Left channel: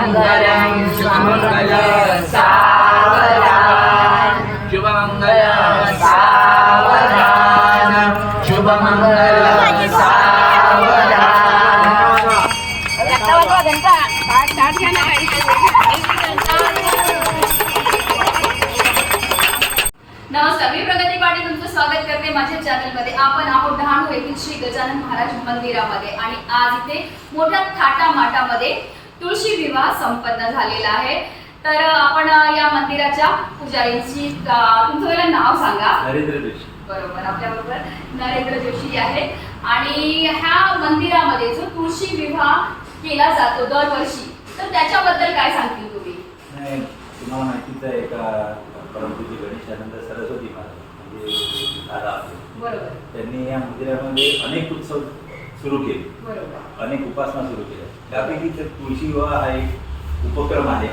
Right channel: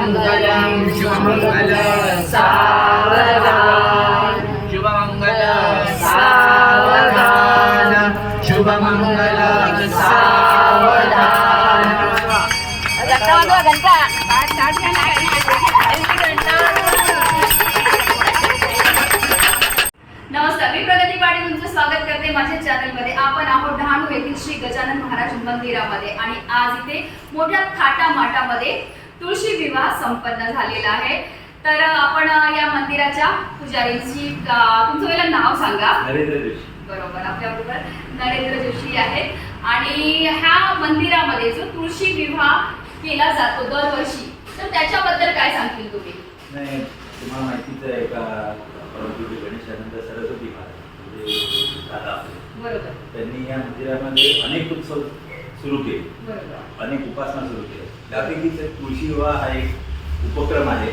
शुभमङ्गलं शुभमङ्गल सावधान शुभमङ्गल सावधान शुभमङ्गल नमस्कार मी प्रगती पाटील तुमचं स्वागत करते माझ्या चॅनलमध्ये आपण आहोत डहाणू येथील श्री गजानन महाराज मंदिरामध्ये. आणि आज इथे मोठ्या थाटामाटामध्ये तुळशी विवाह संपन्न झालेला आहे. तर आपण या मंदिराच्या पुजारींची तुमचं पहिला नाव सांगा. नरेंद्र जोशी. बरोबर आपल्याबरोबर नरेंद्र जोशी आहेत. आणि ह्या मंदिरामध्ये जो तुळशी विवाह केला जातो दरवर्षी तर त्याच्याबद्दल काय सांगतील तुम्ही? नाही तुम्हाला माहितीच आहे का परमपूज्य गणेशानंद सरस्वती महाराज म्हणजे दादा आपले. बरोबर. त्यांनी या मंदिरामध्ये अनेक उत्सव सुरू केले. बरोबर. अनेक उपासना सुरू केल्या. त्यापैकीच एक तुळशी विवाह हा एक उपक्रम आहे.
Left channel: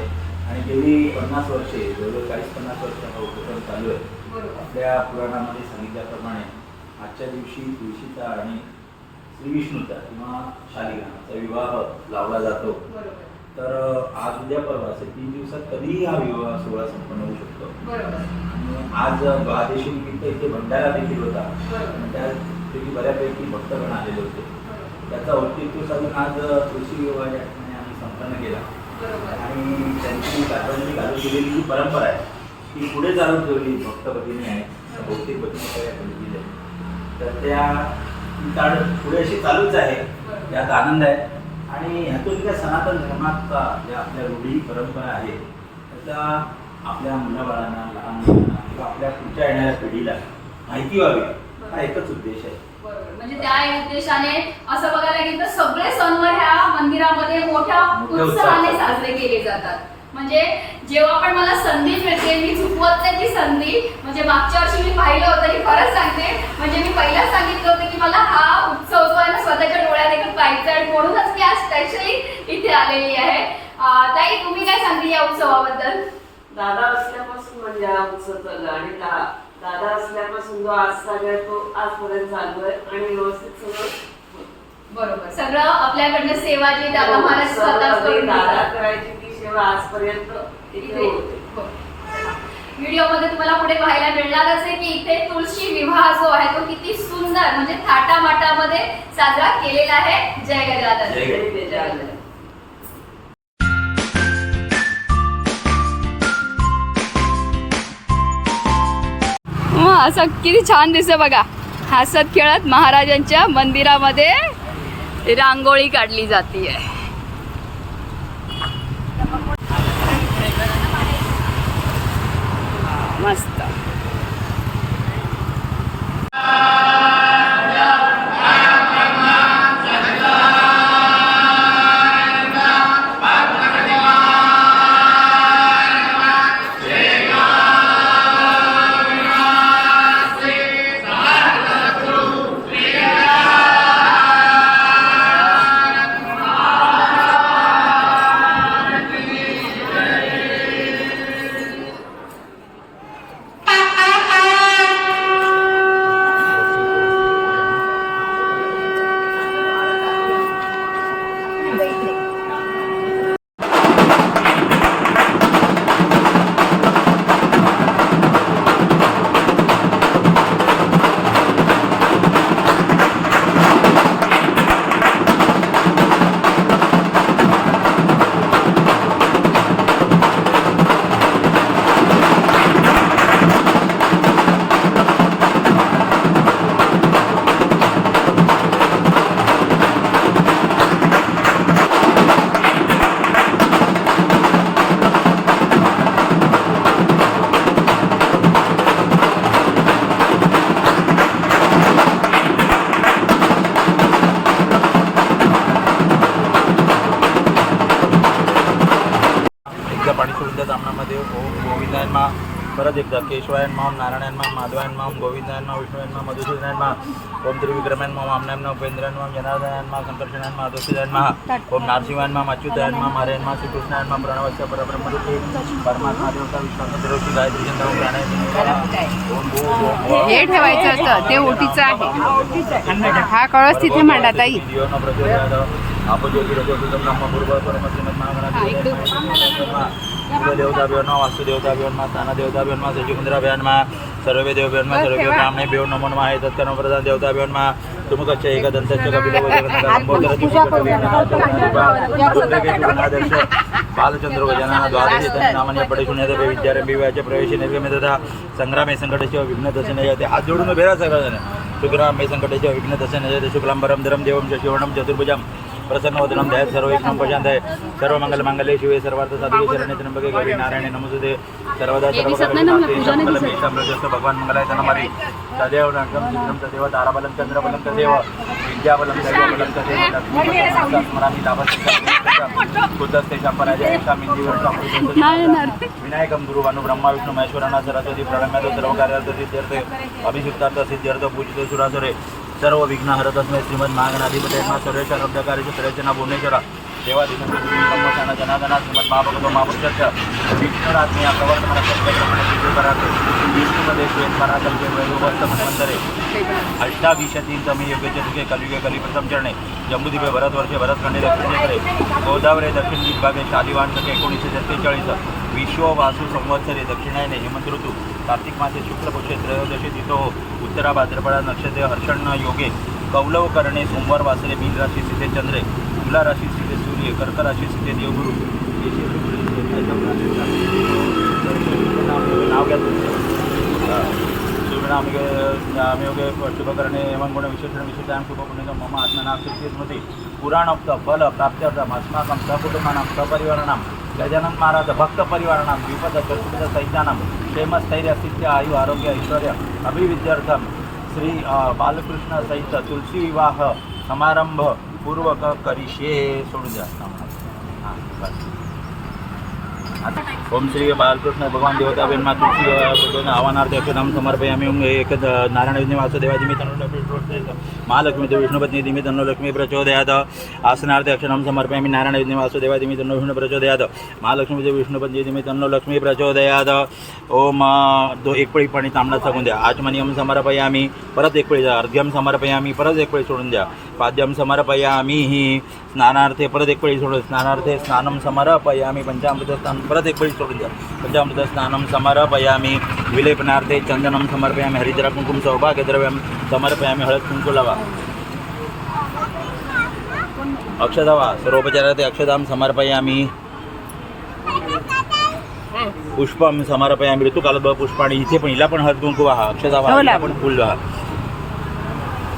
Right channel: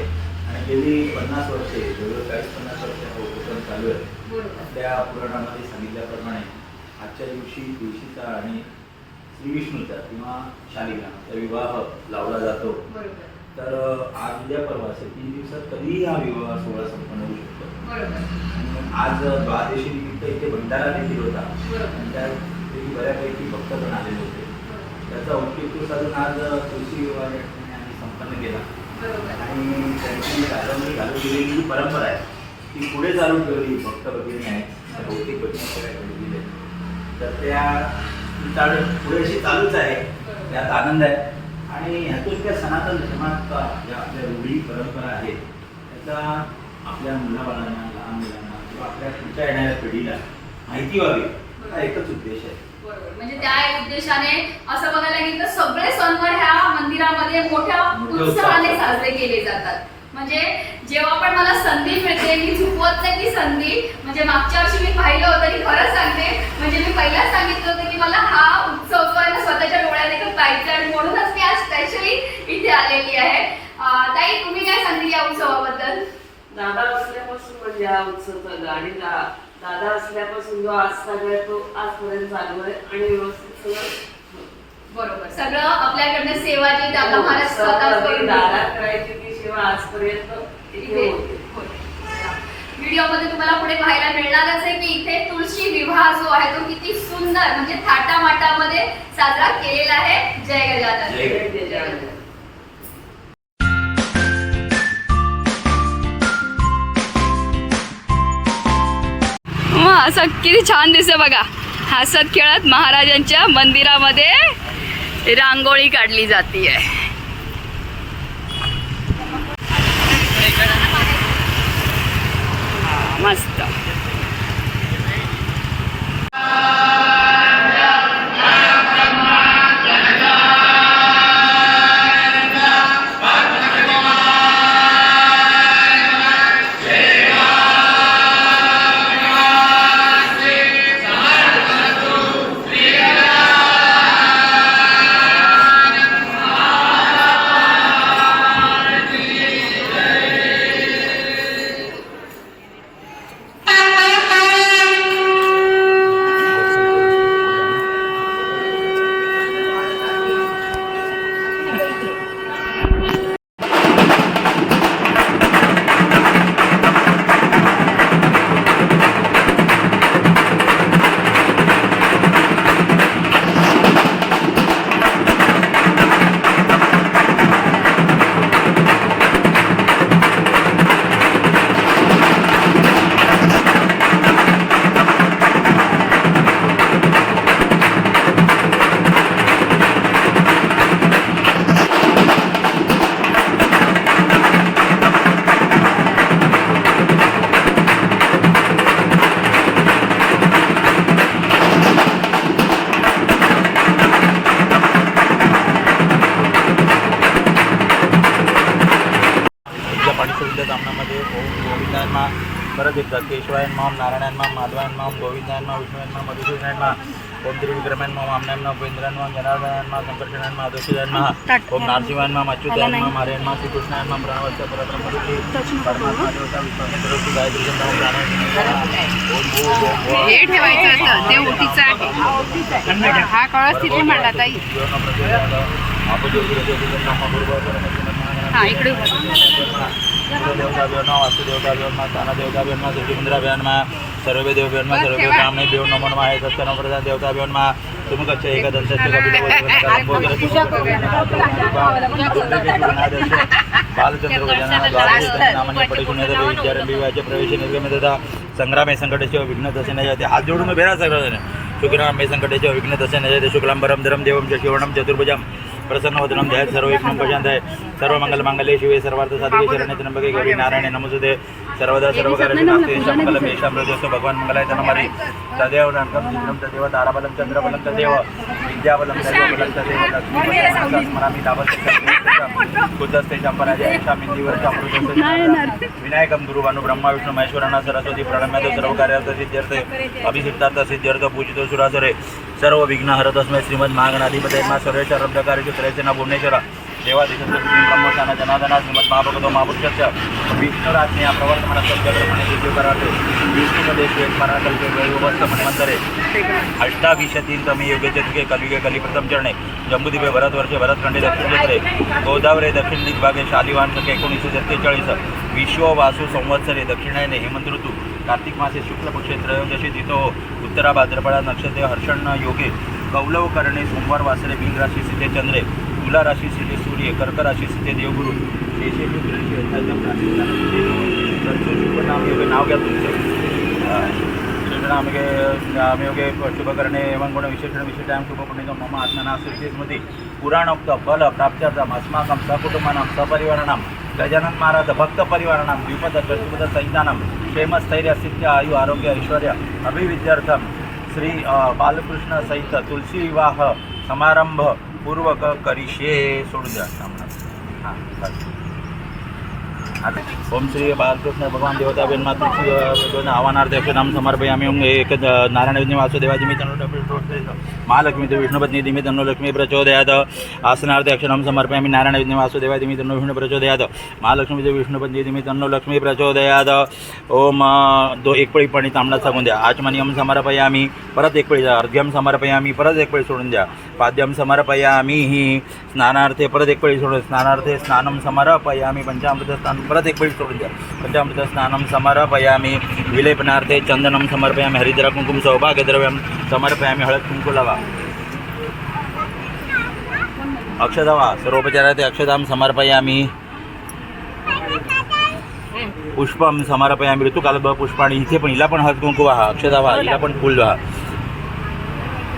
आणि गेली पन्नास वर्षे जवळजवळ चाळीस पन्नास वर्ष हा उपक्रम चालू आहे. आपल्या पुराणामध्ये सांगितल्याप्रमाणे आजच्या दिवशी तुळशीचा आणि श्री विष्णूचा किंवा शालिग्रामाचा विवाह लावला जातो. तर आज उद्या परवा असे तीन दिवसात कधीही हा विवाह सोहळा संपन्न होऊ शकतो? आज द्वादशी निमित्त इथे भंडारा देखील होता. त्या देखील बऱ्यापैकी भक्तगण आलेले होते. त्याचा औचित्य साधून आज या ठिकाणी आम्ही संपन्न केला. आणि त्यांची कादंबरी चालू केलेली जी परंपरा आहे ती पुढे चालू ठेवली भक्त भगिनी आहे बहुतेक भगिनी सगळ्या ठेवलेली आहे तर त्या पुढे अशी चालूच आहे. त्यात आनंद आहे. आणि ह्यातून त्या सनातन धर्माचा ज्या आपल्या रूढी परंपरा आहेत त्याचा आपल्या मुलाबाळांना लहान मुलांना किंवा आपल्या पुढच्या येणाऱ्या पिढीला माहिती व्हावी. हा एकच उद्देश आहे. बरोबर. म्हणजे त्या उद्देशाने असं बघायला गेलं तर सगळे सणवार ह्या मंदिरामध्ये मोठ्या मोठ्या उत्साहाने उत्साहात. साजरे केले जातात. म्हणजे जेव्हा पण मला संधी मिळते मी चुकवत नाही ती संधी म्हणजे मागच्या वर्षी मी पाहिलं होतं की खरंच सांगते म्हणजे मी पहिलाच सांगितलं होतं की मला हा उत्सव जो आहे ना स्वतःच्या डोळ्यात देखील पाहायचा आणि म्हणूनच मी आज स्पेशली इथे आलेली आहे. अं, ताई तुम्ही काय सांगते या उत्सवाबद्दल? दादा असल्यापासून म्हणजे हा उत्सव चालू आहे आणि दा- दादा असल्यापासून जो आज चालू आहे तो आजपर्यंत चालू आहे आणि व्यवस्थित सगळं. बरोबर सगळं आपल्याकडनं सेवा जी दादा महाराज स्वतः सर्व करून दादा. करायची ती सेवा आजपर्यंत इथे होते व्हिडिओमध्ये तुम्हाला पुढे पाहायला मिळणारच आहे की इथे तुळशी विवाह जो आहे तो किती सुंदर म्हणजे थाटामाटामध्ये साजरा केलेला आहे जय गजानन जय जय गजानन. असं किती छान दिसते बघा. हसत खेळत महाराजांच्या मंदिरामध्ये रांगोळी काढली जाते मस्त. एकदा परत एकदा केशवायन माम नारायण माम माधवायन माम गोविंदायन मा विष्णुयन मा मधुसूदनायन मा ओम त्रिविक्रमयन मा वामनायन मा उपेंद्रन मा जनार्दनायन मा संकर्षणायन मा अदोषिदायन मा ओम नारसिंहायन मा अच्युतायन मा मारेन मा श्रीकृष्णायन मा प्रणवस्य परब्रह्मरूपी परमात्मा देवता स्वामी गायत्री चंद्र प्राणायन. हे कळस तिथे मांडला ताई जीवन प्रचोदयात. आपज्योतिरज्योतिषं ब्रह्म गुरुवर परमश्रीमत् महागणाधिपती हा इकडे देवताभ्यो नमः वास्तुदेवताभ्यो नमः स्थानदेवताभ्यो नमः सचिमुद्राभ्यो नमः सर्वे देवभ्यो नमः सर्वे ब्राह्मणेभ्यो नमो नमः हे तत्कर्मप्रधान देवताभ्यो नमः तुमकच्च एकदन्तस्य कपिलवदगनकलम्बोदरसुन्दरकेशुगणादर्श बालचंद्र गजानन द्वादश नामान्य पडेशुन्यत विद्यारंभी व्याच्या प्रवेश निर्गमित तथा संग्रामे संकटस्य विघ्न दर्शन जाते हात जोडून उभे राहा सगळं शुक्रामे संकटस्य विघ्न दर्शन जाते शुक्लांबरम धरम शिवणम चतुर्भुजम प्रसन्नवदनं ध्याय सर्व एकं पजान्ताय सर्व मंगल मांगल्ये शिवे सर्वार्थ साधिके शरण्ये त्र्यंबके गौरी नारायणे नमोस्तुते सर्वदा सर्व भगवान मंगलाय नमः तदेव नरकं जिग्रं तदेव ताराबलं चंद्रबलं तदेव विद्याबलं सर्वबलं तदेव लक्ष्मीपतिं स्मरामि तापसं कुदस्ते चंपराजय मिंदीवर चामृत विनायकं गुरुवानु ब्रह्मा विष्णू महेश्वरांना सरस्वती प्रणम्यात सर्व कार्यार्थ सिद्ध्यर्थे अभिषिक्तार्थ सिद्ध्यर्थ पूजिते सुरासुरे. सर्व विघ्न हरत अस्मै श्रीमद महागणाधिपती मा सर्वेश रब्धकार्य सुरेश भुवनेश्वर. देवा देवाधीशांचं ब्रह्मस्थान जनादना श्रीमद महाभगवतो महापुरुषाच्या विष्णुराज्ञा प्रवर्तमान सत्यग्रहण विष्णुमध्ये श्वेत पराकल्पे वैभवस्त मन्वंतरे. अष्टाविंशतीन तमे योगेचे तुके कलिगे कलिप्रथम चरणे. जम्बुदिपे भरत वर्षे भरतखंडे दक्षिणेकडे गोदावरी दक्षिण दिग्भागे सालिवान सके एकोणीसशे सत्तेचाळीस. विश्व वासू संवत्सरे दक्षिणायने हेमंत ऋतू. कार्तिक मासे शुक्ल पक्षे त्रयोदशी तिथो उत्तरा भाद्रपडा नक्षत्रे हर्षण योगे कौलव करणे सोमवार वासरे मीन राशी सिद्धे चंद्रे तुला राशी सिद्धे सूर्य कर्क राशी सिद्धे देवगुरु नाव घ्या तुमचे. शुभनामिके नामयोगे शुभकरणे एवं गुण विशेषण विशेषां शुभपुण्यं मम आत्मनास्ति स्मृति पुराणोक्त फल प्राप्त्यर्थम् अस्माकं सकुटुम्बानां सपरिवाराणां गजानन महाराज भक्तपरिवाराणां द्विपद चतुर्पद सहितानां क्षेमस्थैर्य सिद्ध आयु आरोग्य ऐश्वर्य अभिविद्यार्थं श्री अ, बालकृष्ण सहित तुलसी विवाह समारंभ पूर्वक करिष्ये सोडून द्या हां बस आता ओम श्री बालकृष्ण भगवान देवता बेनमा तुलसी आव्हानार्थ नाम समर्पयामी ओम एक नारायण विजय वासुदेवाजी मी महालक्ष्मी विष्णुपत्नी दिमी तन्नो लक्ष्मी प्रचोदयात। आसनार्थ अक्षरम समर्पयामि नारायण विजय वासुदेवाजी मी तन्नो विष्णू प्रचोदयात। महालक्ष्मी तो विष्णुपत्नी दिमी तन्नो लक्ष्मी प्रचोदयात। ओम दो एक पळी पाणी तांबडा सांगून द्या। आचमनियम समर्पयामी परत एक पळी अर्घ्यम समर्पयामी परत एक पळी सोडून द्या। पाद्यम समर्पयामी ही स्नानार्थे परत एक पळी सोडून स्नानार्थे स्नानम समर्पयामी पंचामृत स्नान परत एक पळी सोडून द्या. पंचामृत स्नानम समर्पयामी विलेपनार्थे चंदनम समर्पयामी हरिद्रा कुंकुम सौभाग्यद्रव्यम समर्पयामी हळद कुंकू लावा अक्षदावा सर्वोपचारार्थे अक्षदाम समर्पयामी पुष्पम समर्पयामी ऋतुकाल पुष्पाणी इथे पण हिला पण हळद कुंकू वाहा अक्षदावा हिला पण फुल वाहा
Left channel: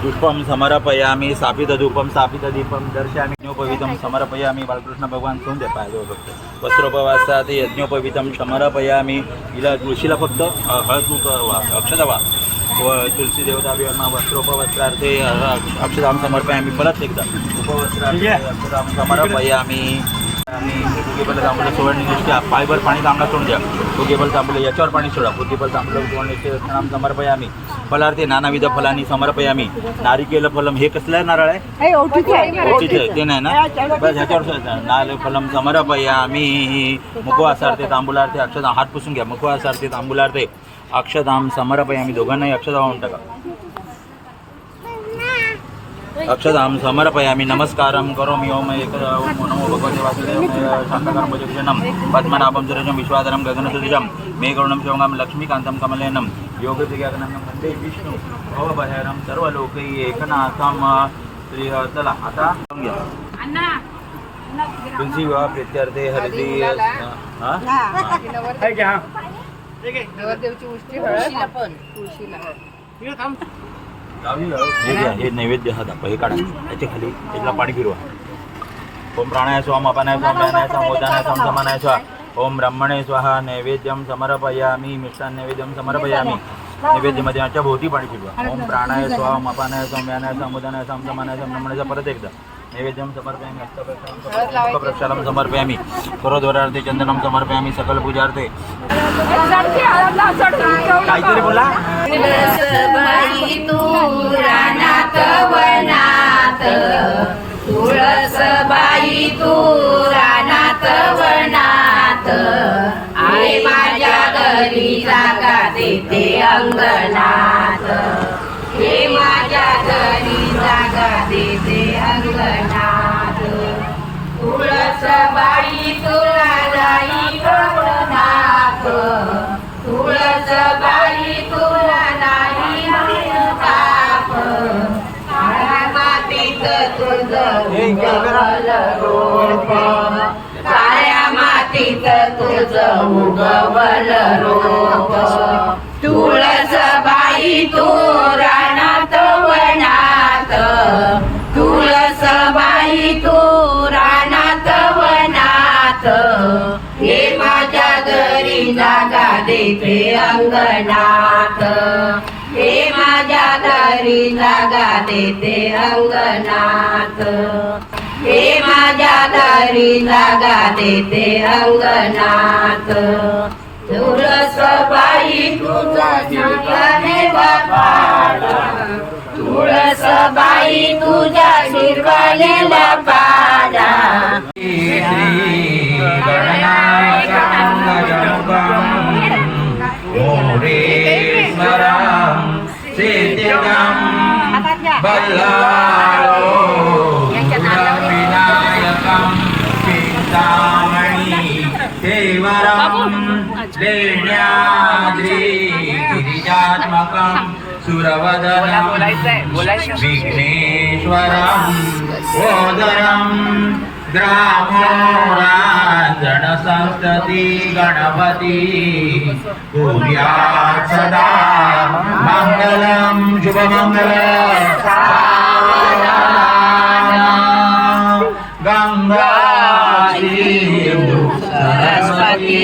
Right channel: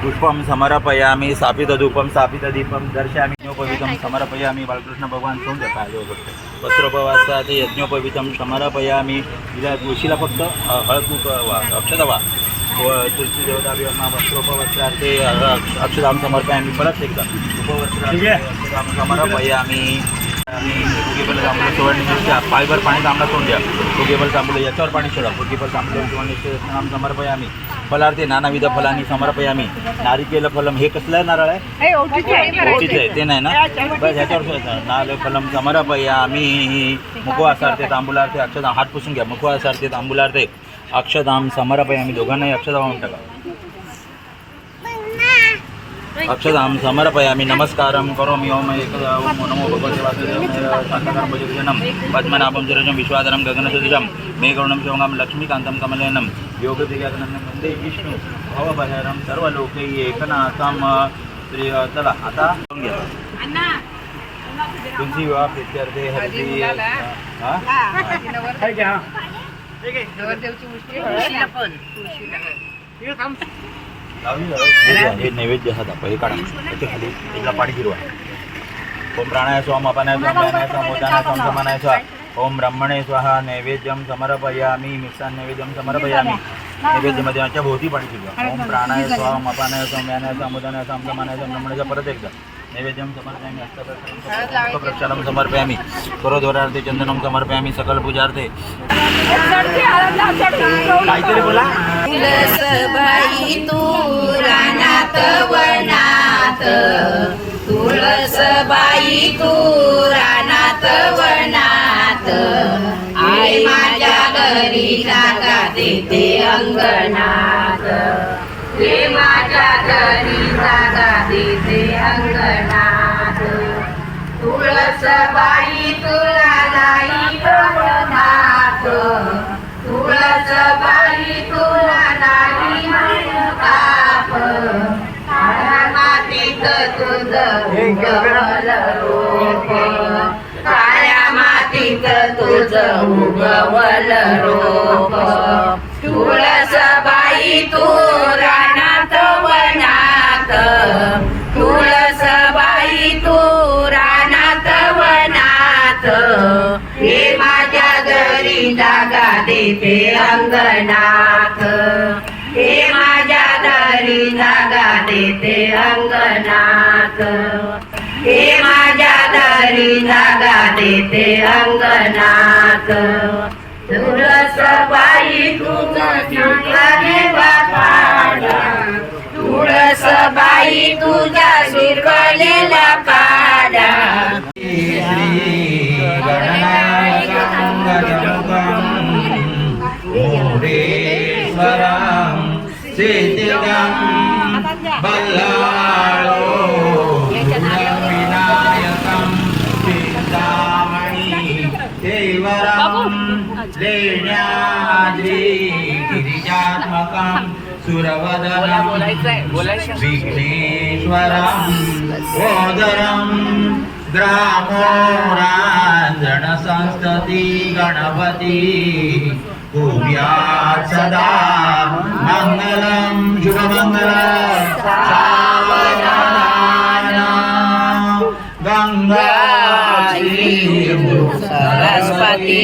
पुष्पम समर्पयामी स्थापित धूपम स्थापित दीपम दर्शयामी यज्ञोपवितम समर्पयामी बालकृष्ण भगवान सोडून द्या पाहिजे फक्त. वस्त्रोपवासात यज्ञोपवितम समर्पयामी हिला तुळशीला फक्त हळद वा अक्षता वा. व तुलसी देवता विमा वस्त्रोपवस्त्रार्थे अ, अक्षदाम समर्पयामी परत एकदा. उपवस्त्रार्थे अक्षदाम समर्पयामी. आणि फुगेबल तांबूल सुवर्णनिष्ठा पायभर पाणी तांबडा सोडून द्या. फुगेबल तांबूल याच्यावर पाणी सोडा. फुगेबल तांबूल सुवर्णनिष्ठाम समर्पयामी फलार्थे नानाविध फलांनी समर्पयामी नारिकेल फलम हे कसलं आहे नारळ आहे? ओटीचं आहे. ते नाही ना? बस ह्याच्यावर. नाल फलम समर्पयामी मुखवासार्थे तांबुलार्थे अक्षदाम हात पुसून घ्या. मुखवासार्थे तांबुलार्थे अक्षदाम समर्पयामी दोघांनाही अक्षदा वाहून टाका. अक्षदाम समर्पयामि नमस्कारं करोमि ओम एक ओम नमो भगवते वासुदेव शान्तकरं पद्मनाभं सुरजं विश्वाधरं गगनसदृशं मेघवर्णं शिवगां लक्ष्मीकान्तं कमलेनं योगदिगागनं वन्दे विष्णु भवभयहरं सर्वलोकै एकनाथं श्री चला आता तुलसी विवाह प्रीत्यर्थे हळदी हा? नवरदेवची उष्टी हे हे नैवेद्य हा दाखवा हे काढा. याच्या खाली याला पाणी फिरवा ओम प्राणाय स्वाम अपानाय स्वाम व्यानाय स्वाम मोदानाय स्वाम समानाय स्वा ओम ब्रह्मणे स्वाहा नैवेद्यम समर्पयामी मिष्टान नैवेद्यम समर्पयामी. नैवेद्यमध्ये याच्या भोवती पाणी फिरवा ओम प्राणाय स्वाम अपानाय स्वाम व्यानाय स्वाम मोदानाय स्वाम समानाय स्वाम ब्रह्मणेचा परत एकदा. नैवेद्यम समर्पयामी हस्तप्रक्षालम समर्पयामी करोद्वारार्थे चंदनम समर्पयामी सकल पूजार्थे। काहीतरी बोला. रानात वनात तुळसबाई तू रानात वनात आई माझ्या घरी जागा देते अंगणात. हे माझ्या घरी जागा अंगणात. तुळस बाई तुला नाही भवनात. तुळस बाई तुला नाही पाप काळ्या मातीत तुझं उगवल रूप. काळ्या मातीत तुझं उगवल रोप. तुळस बाई तुरा जागा देते अंगणात. हे माझ्या घरी जागा देते अंगणात. हे माझ्या घरी जागा देते अंगणात. तुळस बाई तुझा शिरवाने बापाडा. तुळस बाई तुझ्या शिरवालेला पाडा. श्री गणनाथ गजमुखं मोरेश्वरं सिद्धिगं बल्लाळो विनायकं चिन्तामणि देवरं लेण्याद्रि गिरिजात्मकं सुरवदनं विघ्नेश्वरं ओदरं ग्रामोराञ्जनसंस्तति गणपति। कुर्यात् सदा मङ्गलं शुभमङ्गल गङ्गा सिन्धु सरस्वती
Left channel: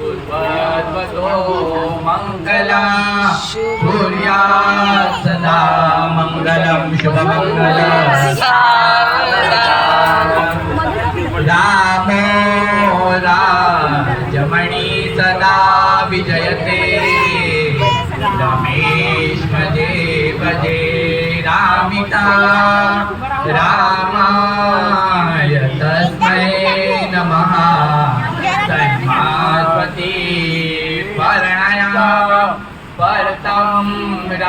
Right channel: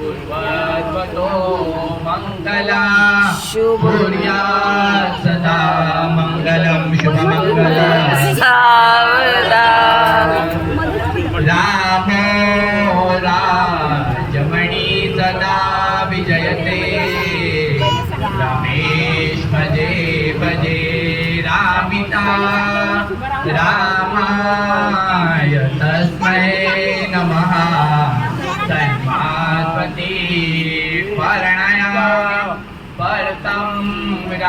पूर्वद्वतो मङ्गला भूर्या सदा मङ्गलं शुभमङ्गलम् रामो राजमणि सदा विजयते। रमेश भजे भजे रामिता। रामाय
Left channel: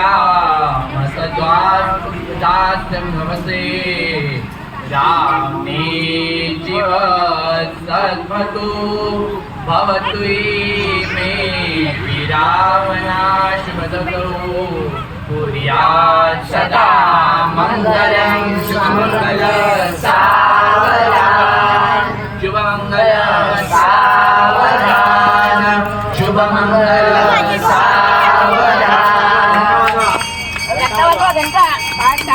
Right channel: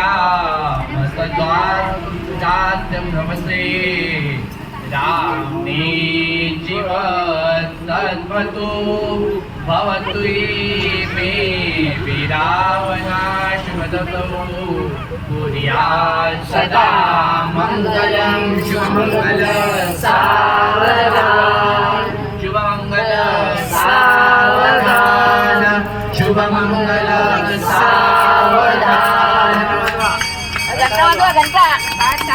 राम सद्वादात्यं नमसे रामे जीव सद्वतु भवतु मे विरावनाशुभदतौ कुर्यात् सदा मङ्गलं शुभमङ्गल सावधान शुभमङ्गल सावधान शुभमङ्गल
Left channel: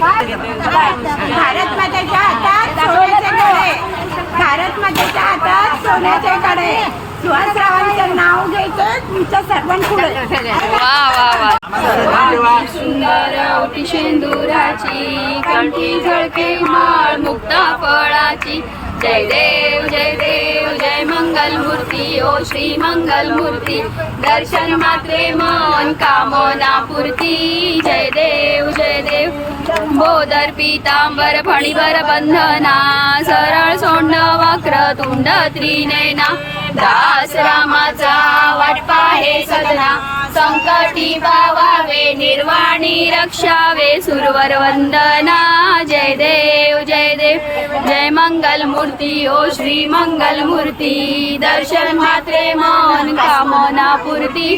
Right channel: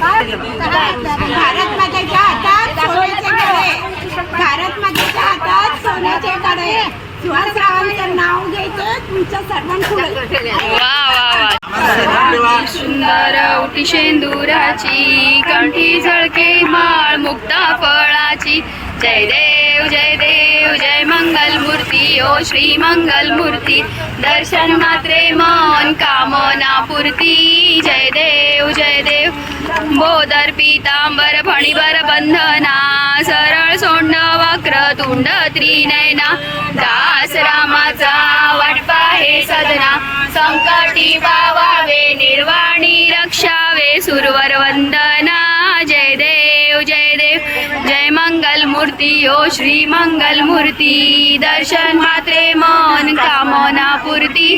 भारत मातेच्या हातात सोन्याचे कडे. भारत मातेच्या हातात सोन्याचे कडे. सुहासरावांचं नाव घ्यायचं तुमच्या सर्वांपुढे. सुंदर उटी शेंदुराची कंठी झळके माळ मुक्ता फळाची. जय देव जय देव जय मंगल मूर्ती ओ श्री मंगल मूर्ती दर्शन मात्रे मन कामना पूर्ती जय देव जय देव। बोधर पितांबर फणीवर बंधना सरळ सोंड वक्र तुंड त्रिनयना। दास रामाचा वाटपा हे सदना। संकटी पावावे निर्वाणी रक्षावे सुरवर वंदना। मूर्ती ओ श्री मंगल मूर्ती दर्शन मात्रे मन कामना पूर्ती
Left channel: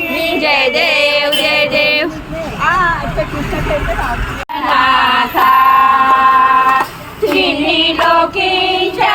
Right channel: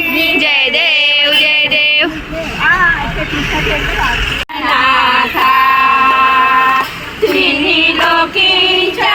जय देव जय देव. तिन्ही लोकींच्या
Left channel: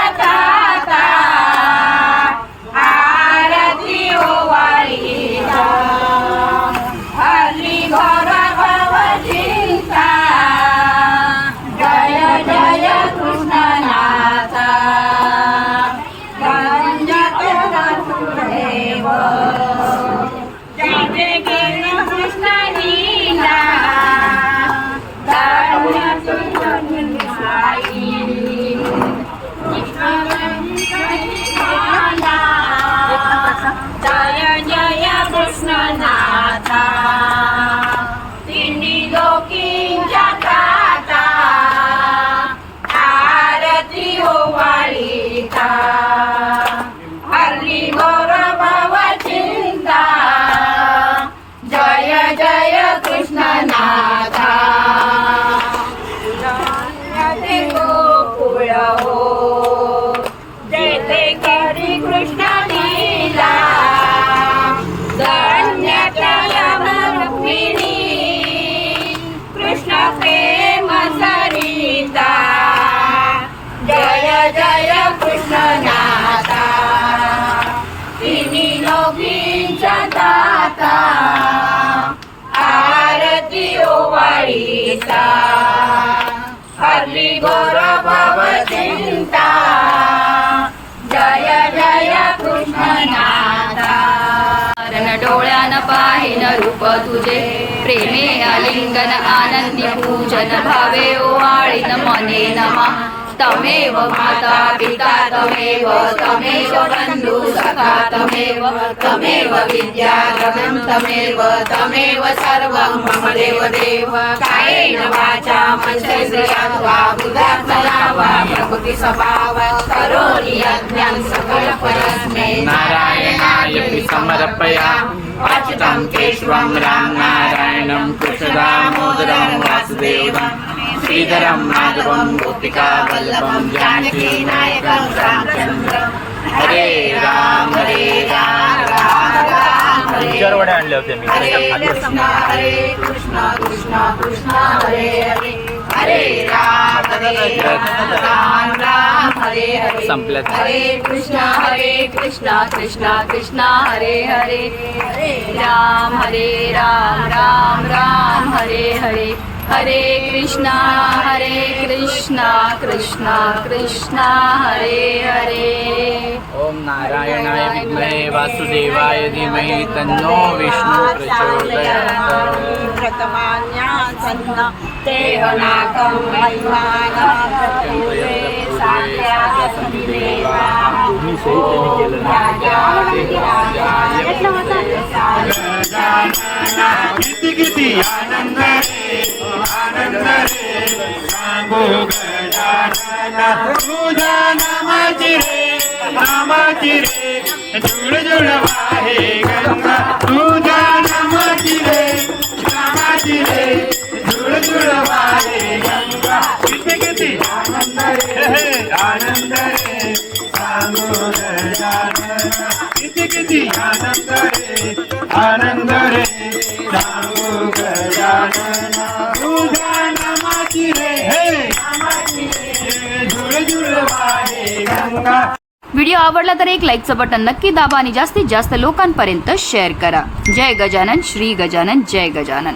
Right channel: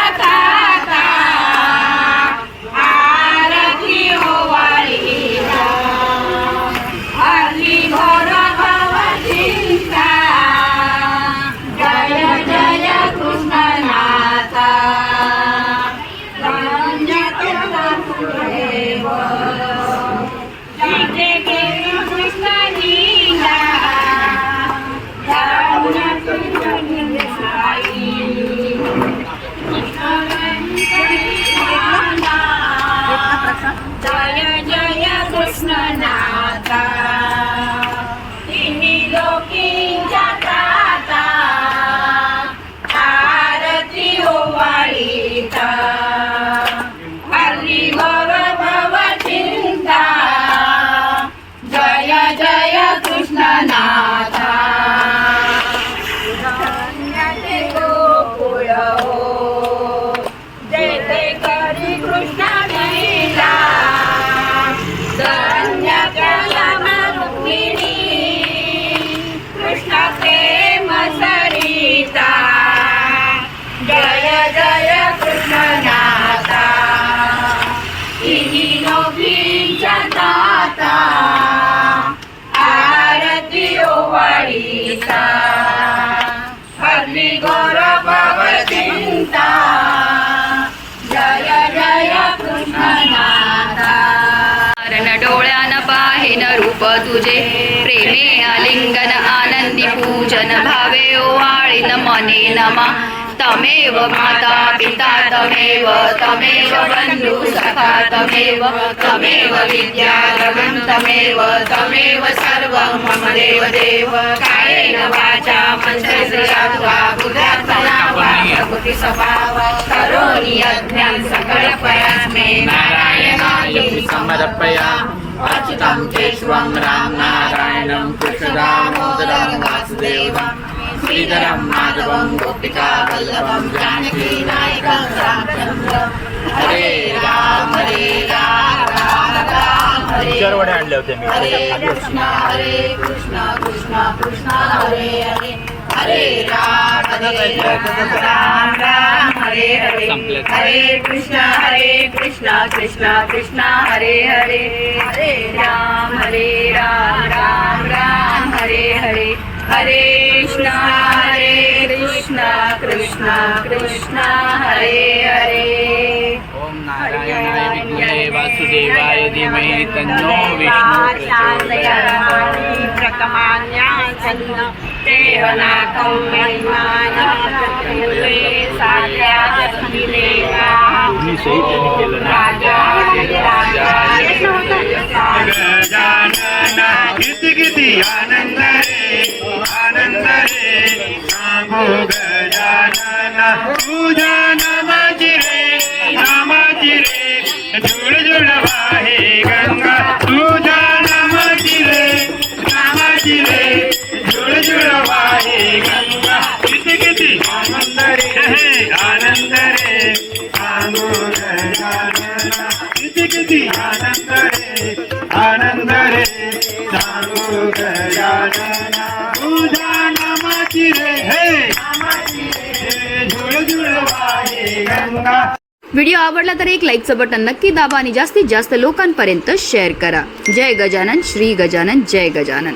हल्ली गोर भगवतींता जय जय कृष्णनाथा. डोळ्यान पाहिन रूप तुझे प्रेमे आलिंगन आनंदी पूजन भावे ओवाळीन मने नमा. तमेव माता पिता तमेव तमेव बन्धु सखा तमेव तमेव विद्यालयं तमेव तमेव सर्वं मम देव देव कायेन वाचा मनसेन्द्रियात्वा बुधात्मना वा प्रकृति स्वभाव। करोमि यज्ञं सकलपरस्मै नारायणाय समर्पयामि अच्युतं केशवं राम नारायणं कृष्णदामोदरं वासुदेवम्। श्रीधरं माधवं गोपिका वल्लभं जानकी नायकं रामचन्द्र। हरे राम हरे राम राम राम हरे कृष्ण हरे कृष्ण कृष्ण कृष्ण हरे हरे। हरे राम हरे राम राम हरे हरे. हरे कृष्ण हरे कृष्ण कृष्ण कृष्ण हरे हरे। हरे राम हरे राम राम राम हरे हरे। हरे कृष्ण हरे कृष्ण कृष्ण कृष्ण हरे हरे। ओम नारायणाय विद्महे वासुदेवाय धीमहि तन्नो विष्णु प्रचोदयात्। किती किती आनंद रे आनंद रे. सांगो गजानन तुझ्या नामाची रे नामाची रे. जुळ व्हिडिओ आवडला तर एक लाईकचं बटन नक्की दाबा आणि जास्तीत जास्त लोकांपर्यंत शेअर करा. जय गजानन श्री गजानन जय गजानन.